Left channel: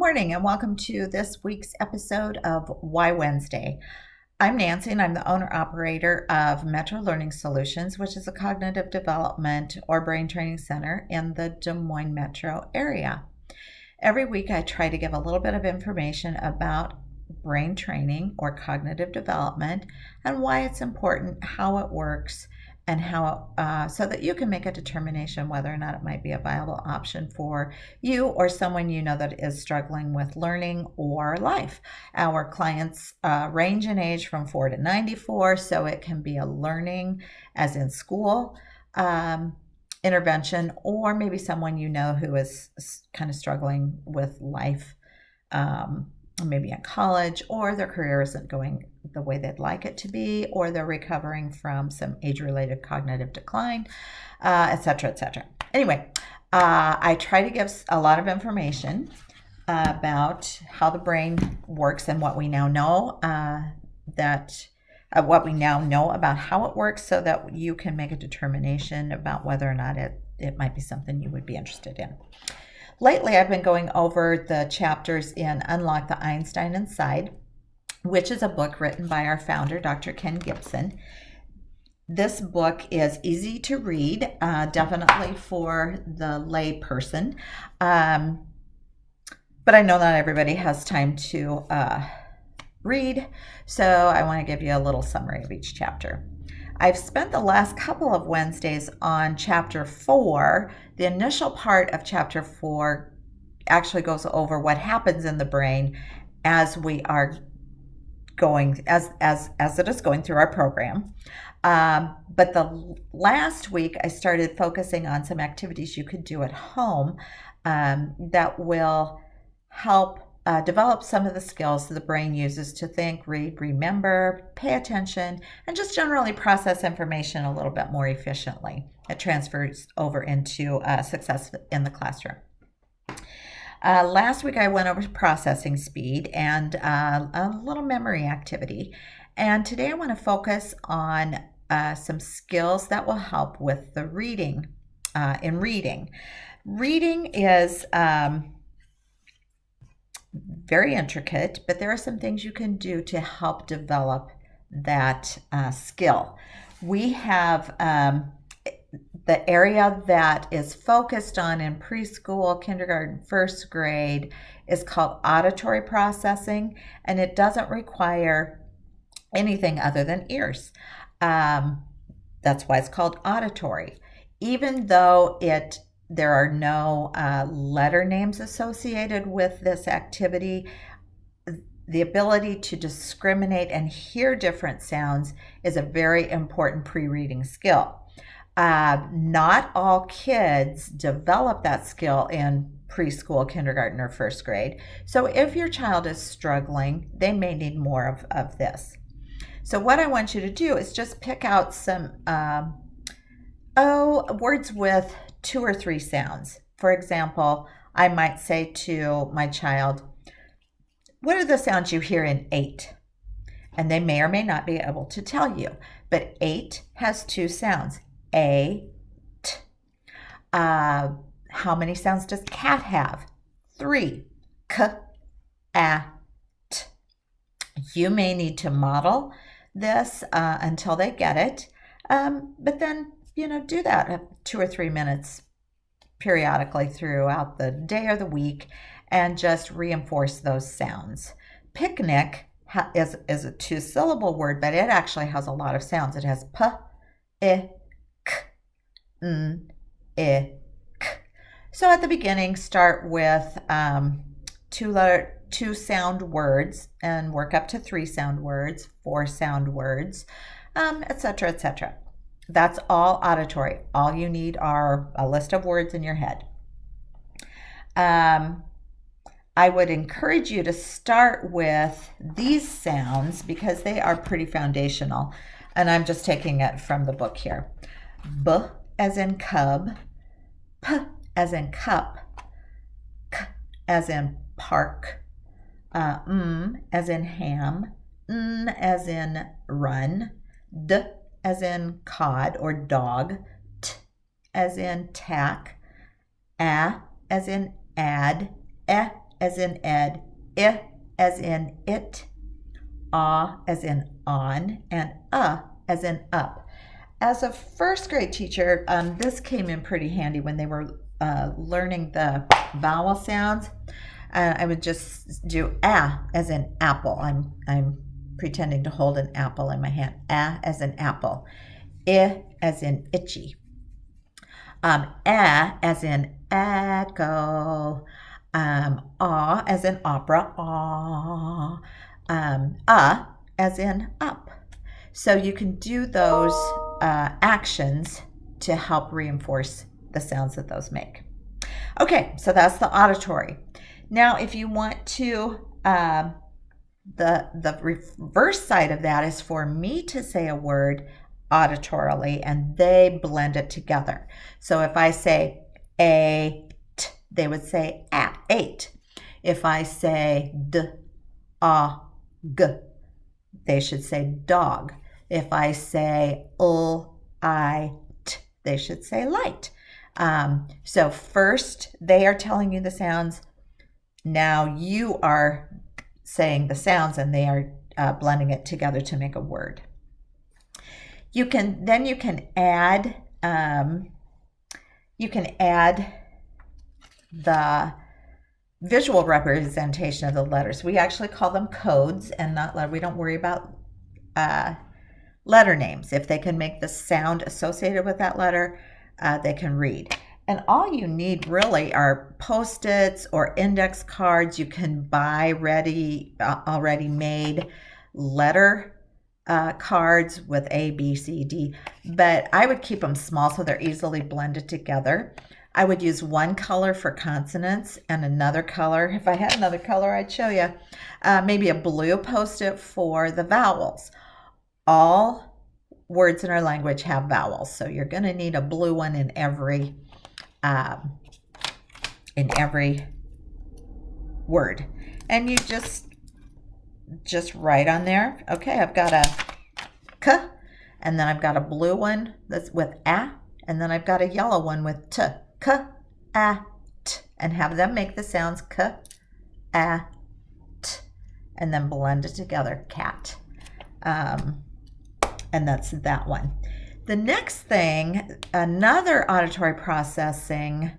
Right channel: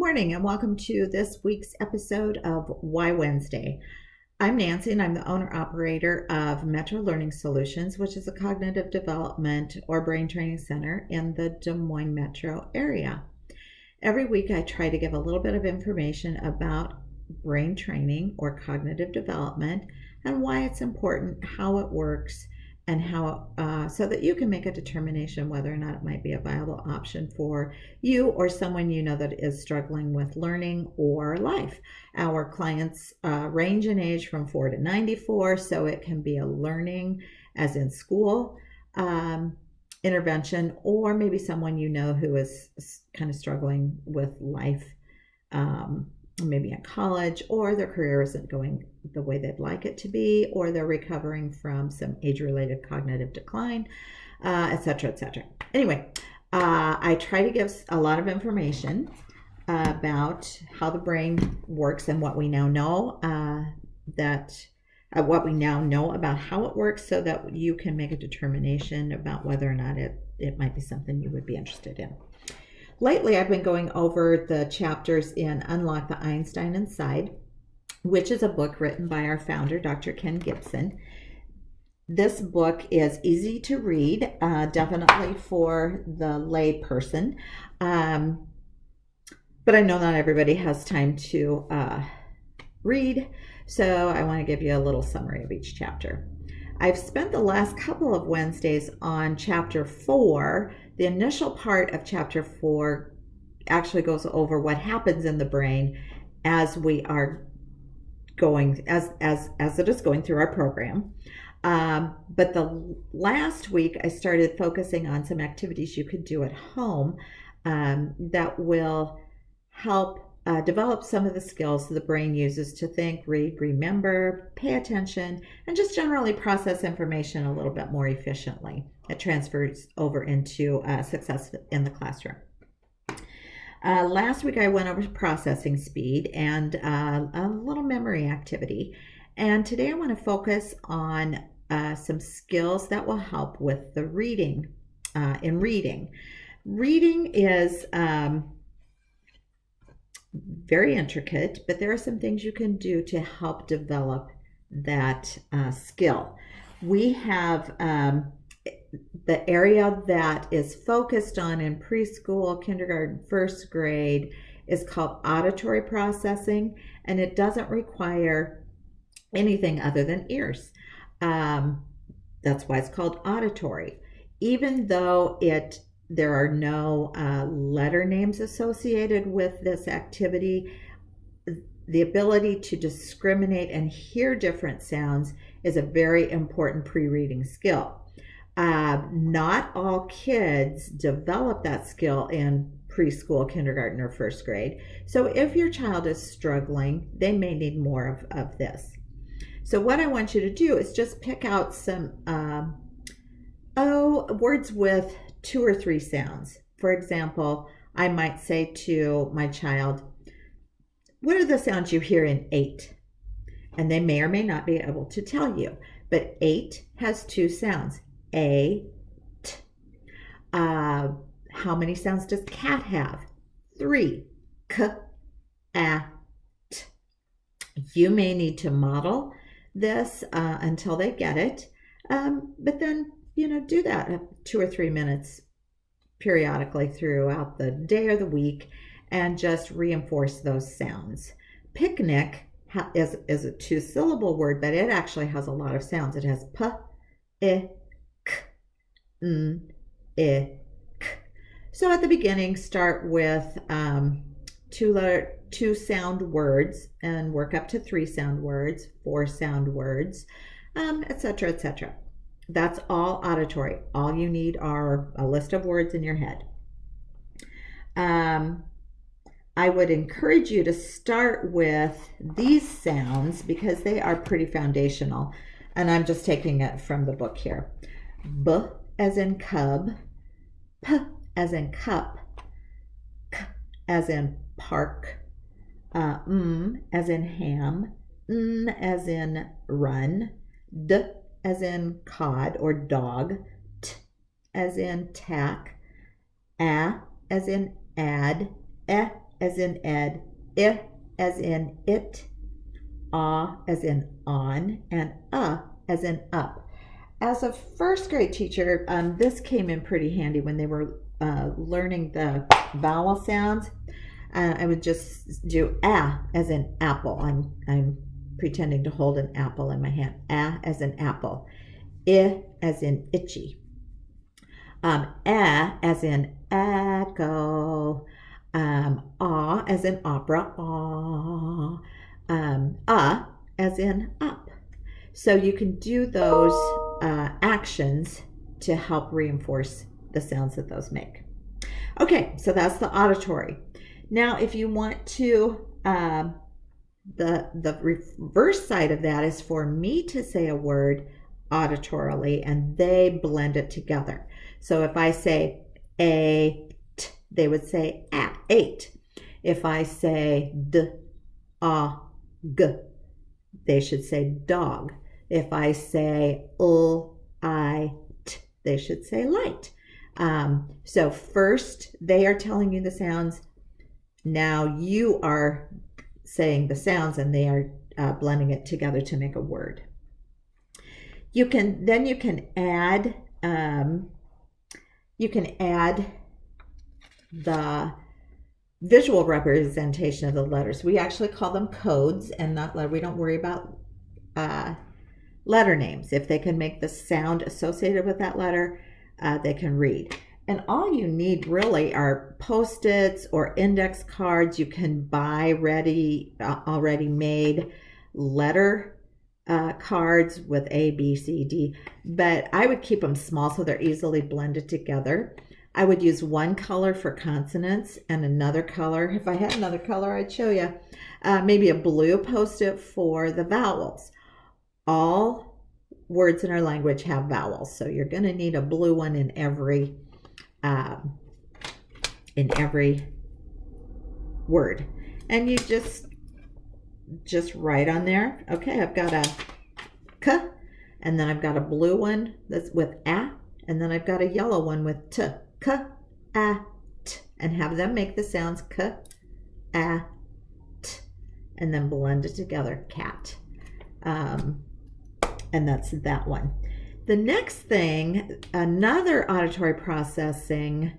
morning and welcome to this week's episode of Why Wednesday. I'm Nancy and I'm the owner operator of Metro Learning Solutions, which is a cognitive development or brain training center in the Des Moines metro area. Every week I try to give a little bit of information about brain training or cognitive development and why it's important, how it works, and how so that you can make a determination whether or not it might be a viable option for you or someone you know that is struggling with learning or life. Our clients range in age from 4 to 94, so it can be a learning, as in school, intervention, or maybe someone you know who is kind of struggling with life, maybe in college, or their career isn't going the way they'd like it to be, or they're recovering from some age-related cognitive decline, etc., etc. Anyway, I try to give a lot of information about how the brain works and what we now know what we now know about how it works, so that you can make a determination about whether or not it might be something you would be interested in. Lately, I've been going over the chapters in Unlock the Einstein Inside, which is a book written by our founder, Dr. Ken Gibson. This book is easy to read, definitely for the lay person. But I know not everybody has time to read, so I want to give you a little summary of each chapter. I've spent the last couple of Wednesdays on chapter 4. The initial part of chapter 4 actually goes over what happens in the brain as we are going, as it is going through our program. But the last week I started focusing on some activities you could do at home that will help develop some of the skills the brain uses to think, read, remember, pay attention, and just generally process information a little bit more efficiently. It transfers over into success in the classroom. Last week I went over processing speed and a little memory activity. And today I want to focus on some skills that will help with the reading. In reading. Reading is very intricate, but there are some things you can do to help develop that skill. We have the area that is focused on in preschool, kindergarten, first grade is called auditory processing, and it doesn't require anything other than ears. That's why it's called auditory. Even though there are no letter names associated with this activity, the ability to discriminate and hear different sounds is a very important pre-reading skill. Not all kids develop that skill in preschool, kindergarten, or first grade. So if your child is struggling, they may need more of this. So what I want you to do is just pick out some words with 2 or 3 sounds. For example, I might say to my child, what are the sounds you hear in 8? And they may or may not be able to tell you, but 8 has 2 sounds, A, T. How many sounds does cat have? 3, K, A, T. You may need to model this until they get it, but then do that 2 or 3 minutes periodically throughout the day or the week and just reinforce those sounds. Picnic is a 2-syllable word, but it actually has a lot of sounds. It has P, I, K, N, I, K. So at the beginning, start with 2 sound words and work up to 3 sound words, 4 sound words, etc., etc. That's all auditory. All you need are a list of words in your head. I would encourage you to start with these sounds because they are pretty foundational. And I'm just taking it from the book here. B as in cub, P as in cup, K as in park, as in ham, N as in run, D as in cod or dog, T as in tack, A as in add, E as in ed, I as in it, as in on, and as in up. As a first grade teacher, this came in pretty handy when they were learning the vowel sounds. I would just do as in apple. I'm pretending to hold an apple in my hand. As in apple. I as in itchy. As in echo. As in opera. As in up. So you can do those actions to help reinforce the sounds that those make. Okay, so that's the auditory. Now, if you want to, the reverse side of that is for me to say a word auditorily and they blend it together. So if I say ate, they would say ate. If I say g, they should say dog. If I say they should say light. So first they are telling you the sounds. Now you are saying the sounds and they are blending it together to make a word. You can add the visual representation of the letters. We actually call them codes and not we don't worry about letter names. If they can make the sound associated with that letter, they can read. And all you need really are Post-its or index cards. You can buy already made letter cards with A, B, C, D, but I would keep them small so they're easily blended together. I would use one color for consonants and another color. If I had another color, I'd show you. Maybe a blue Post-it for the vowels. All words in our language have vowels, so you're going to need a blue one in every word. And you just write on there. Okay, I've got a k, and then I've got a blue one that's with a, and then I've got a yellow one with t. K, a, t, and have them make the sounds k, a, t, and then blend it together, cat. And that's that one. The next thing, another auditory processing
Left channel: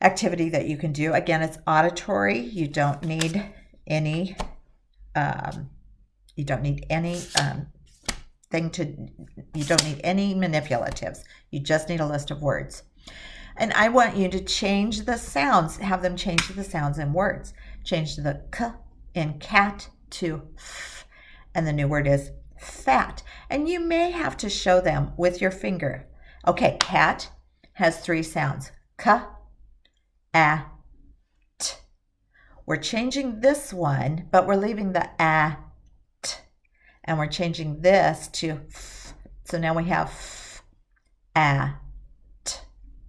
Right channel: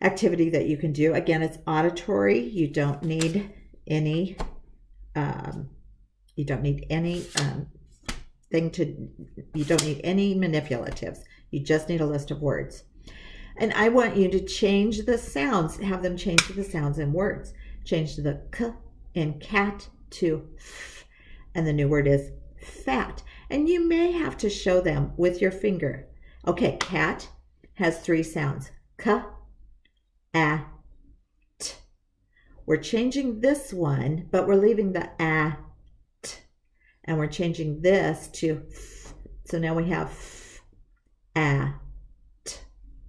activity that you can do. Again, it's auditory. You don't need any you don't need any manipulatives. You just need a list of words. And I want you to change the sounds, have them change the sounds in words. Change the k in cat to f, and the new word is fat. And you may have to show them with your finger. Okay, cat has 3 sounds. K, a, t. We're changing this one, but we're leaving the a, t. And we're changing this to f. So now we have f, a, t,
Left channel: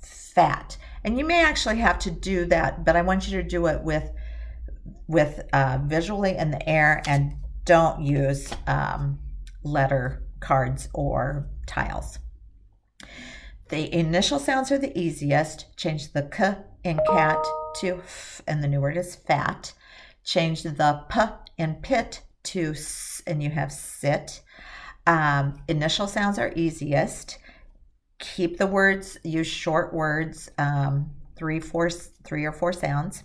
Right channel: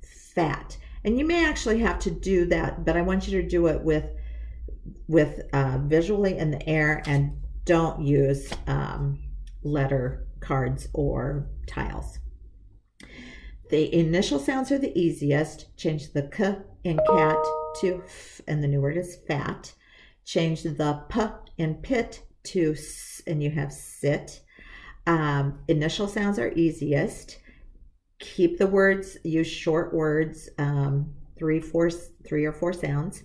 fat. And you may actually have to do that, but I want you to do it with visually in the air, and don't use letter cards or tiles. The initial sounds are the easiest. Change the k in cat to f, and the new word is fat. Change the p in pit to s, and you have sit. Initial sounds are easiest. Keep the words, use short words, 3 or 4 sounds.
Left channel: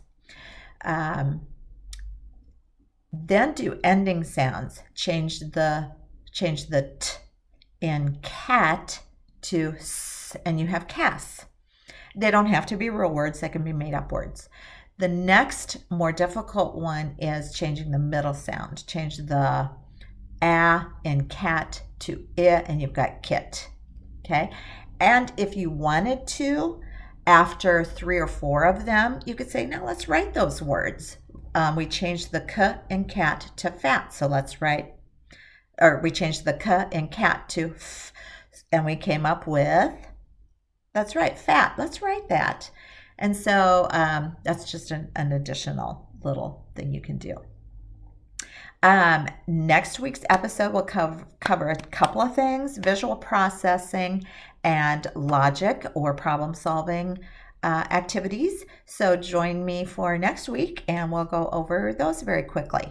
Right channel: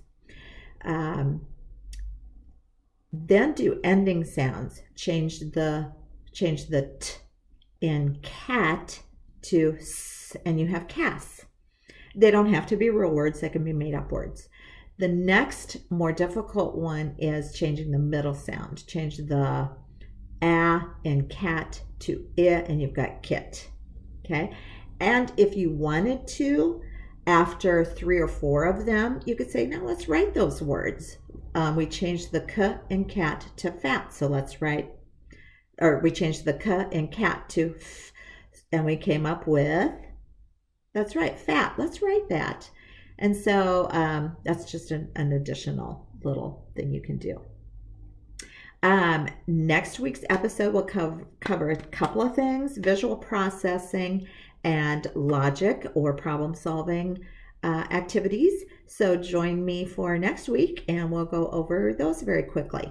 Then do ending sounds. Change the t in cat to s, and you have cas. They don't have to be real words, they can be made up words. The next more difficult one is changing the middle sound. Change the a in cat to I, and you've got kit. Okay? And if you wanted to, after 3 or 4 of them, you could say, now let's write those words. We changed the k in cat to fat, so let's write, or we changed the k in cat to f, and we came up with, that's right, fat. Let's write that. And so that's just an additional little thing you can do. Next week's episode will cover a couple of things: visual processing and logic or problem solving activities. So join me for next week and we'll go over those very quickly.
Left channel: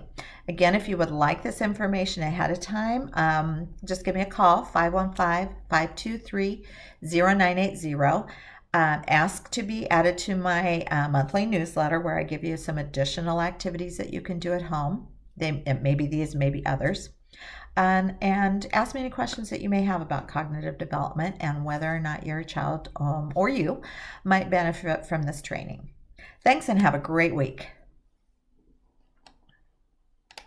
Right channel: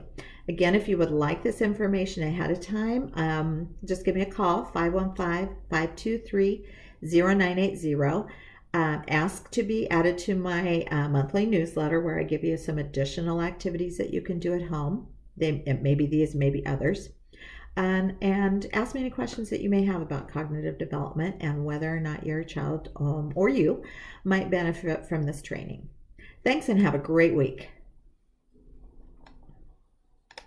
Again, if you would like this information ahead of time, just give me a call, 515-523-0980. Ask to be added to my monthly newsletter where I give you some additional activities that you can do at home. It may be these, maybe others. And ask me any questions that you may have about cognitive development and whether or not your child or you might benefit from this training. Thanks and have a great week.